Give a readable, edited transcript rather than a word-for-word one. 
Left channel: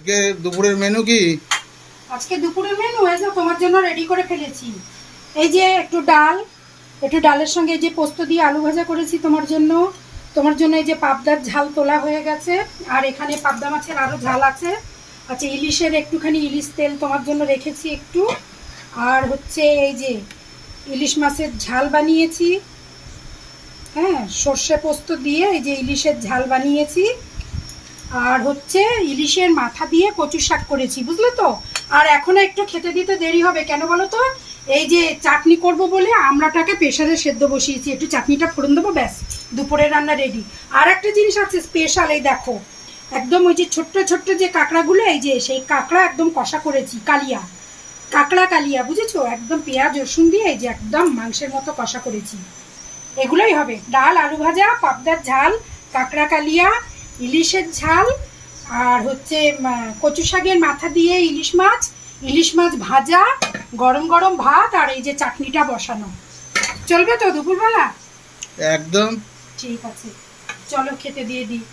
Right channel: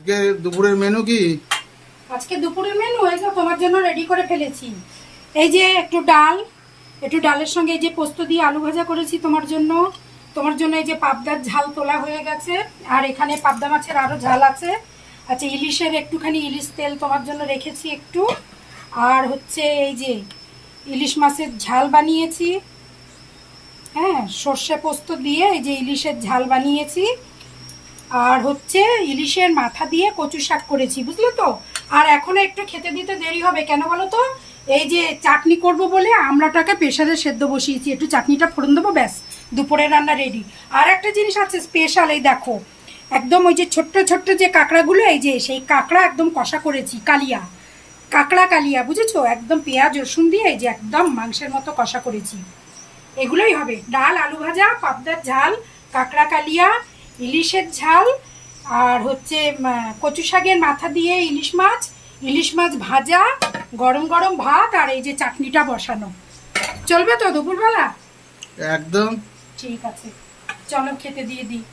আজকে দুপুরের মেনু কি? আজকে দুপুরের মেনু এই যে তোমার জন্য রেডি করে ফেলেছি। এই যে একটু ডাল, একটু ডালের সঙ্গে এই যে পোস্ত দিয়ে আলু ভাজা করেছি তোমার জন্য। তোমার জন্য এই যে পাবদার ঝাল তোলা হয়ে গেছে, আর এখানে পাবদা মাছের আরও ঝাল আছে। আচ্ছা, ইলিশের একটুখানি ইলিশ তেল তোমার জন্য রেখেছি একটু। আর হচ্ছে এই যে ইলিশ মাছের ঝাল বানিয়েছি, হ্যাঁ, সর্ষে পোস্ত দিয়ে এই যে ইলিশের ঝাল বানিয়েছি। আর হচ্ছে ইলিশের মাথা দিয়ে কচু শাক করেছি, বুঝলে তো। আর এখনো একটু খেতে দিতে দেরি হবে, কেন বলো তো? এই যে চাটনি করব বলে আমড়াটাকে প্রেসারে সেদ্ধ বসিয়েছি, একটু চাটনিটা ফোড়ন দেবো, ব্যাস দুপুরের রান্না রেডি। আর একটা জিনিস আছে স্পেশাল, এই দেখো, একদম ওই যে ছোট্ট ছোট্ট যে কাঁকড়াগুলো, এই যে সেই কাঁকড়া একদম কষা করেছি, কালিয়া কাঁকড়া, কালিয়া, বুঝেছো? একদম পেঁয়াজ রসুন দিয়ে এই যে একদম মাংসের মতো কষা করেছি। এগুলোই হবে, ডাল, আলু ভাজা, পাবদার ঝাল, কাঁকড়া কালিয়া, ইলিশের ঝাল, আর হচ্ছে কচু শাকের মাথা দিয়ে ইলিশ মাছ ভাজা, গরম গরম ভাত, আর এই যে চাটনিটা বসানো। চলবে তো দুপুরবেলা? একদম। ঠিক আছে, চলো খেতে দিয়ে দিই।